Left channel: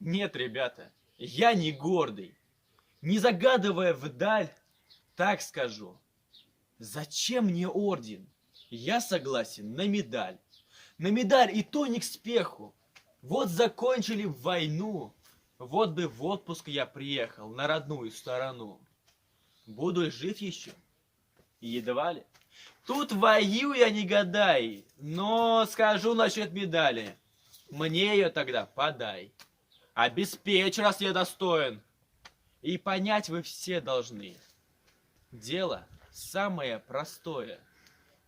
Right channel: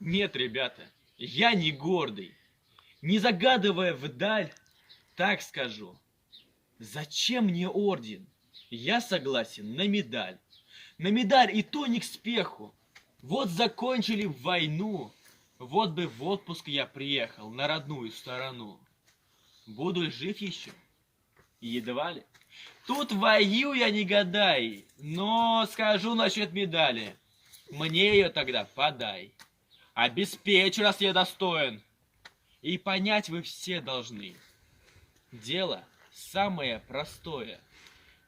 Нет, ребята, я не гордый. Не загадывая вдаль, так скажу. Зачем мне орден? Я согласен на медаль. На медаль и то не к спеху. Вот закончили войну. Вот бы в отпуск я приехал на родную сторону. Буду ли жив еще? Едва ли. Тут воюю я не гадай, но скажу насчет медали. Мне ее тогда подай. Обеспечь, раз я достоин. И понять вы все должны. Дело самое простое.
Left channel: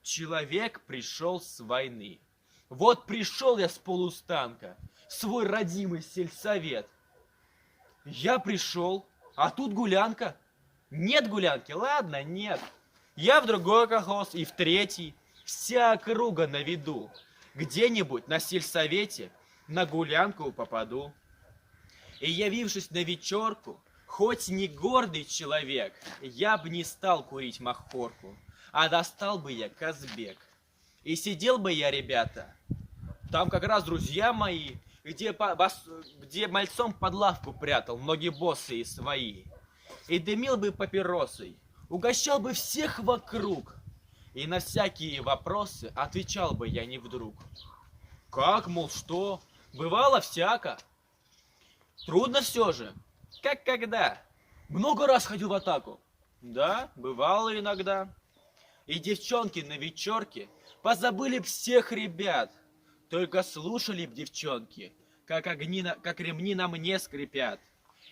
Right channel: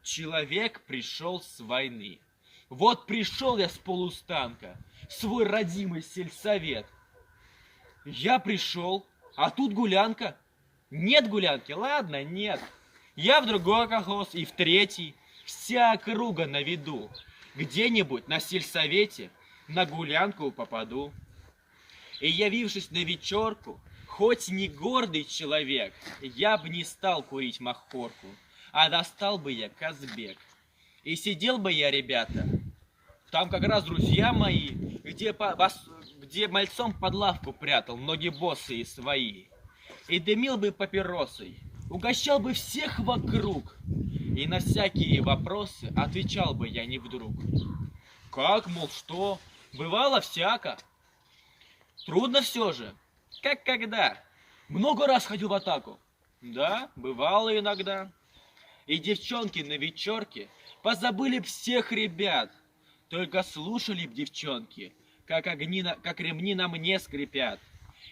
Человек пришел с войны. Вот пришел я с полустанка, в свой родимый сельсовет. Я пришел, а тут гулянка. Нет гулянки, ладно, нет. Я в другой колхоз и в третий. Вся округа на виду. Где-нибудь на сельсовете на гулянку попаду. И явившись на вечерку, хоть не гордый человек, я б не стал курить махорку, а достал бы я Казбек. И сидел бы я, ребята, там как раз друзья мои, где мальцом под лавку прятал ноги босые свои. И дымил бы папиросой, угощал бы всех вокруг. И на всякие вопросы отвечал бы я не вдруг. Как, мол, что? Бывало всяко. Трудно все же. Как когда? Много раз ходил в атаку. Да, бывало иногда. И девчонки на вечерке позабыли б всех ребят. Только слушали б девчонки, как ремни на мне скрипят.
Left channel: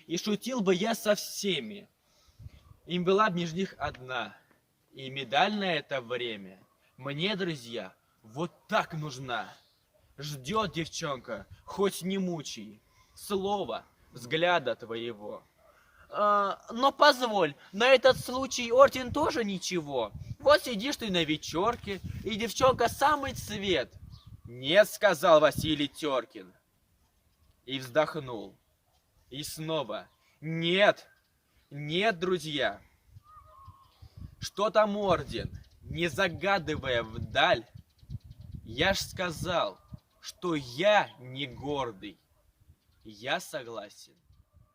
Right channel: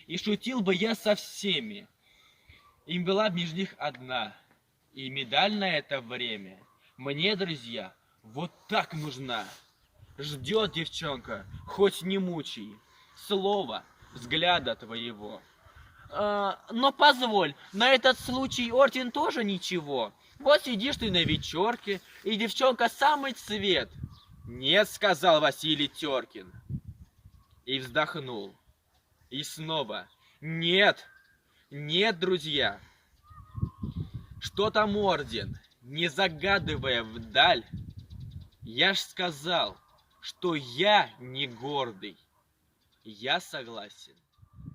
И шутил бы я со всеми. Им была б между них одна. И медаль на это время мне, друзья, вот так нужна. Ждет девчонка, хоть не мучай, слова, взгляда твоего. Но позволь, на этот случай орден тоже ничего. Вот сидишь ты на вечерке, и девчонка самый цвет. Нет, сказал Василий Теркин. И вздохнул. И снова. Нет, нет, друзья. Что там орден? Не загадывая вдаль, я ж сказал, что я не гордый. Я согласен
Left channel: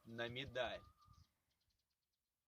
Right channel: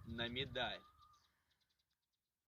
на медаль.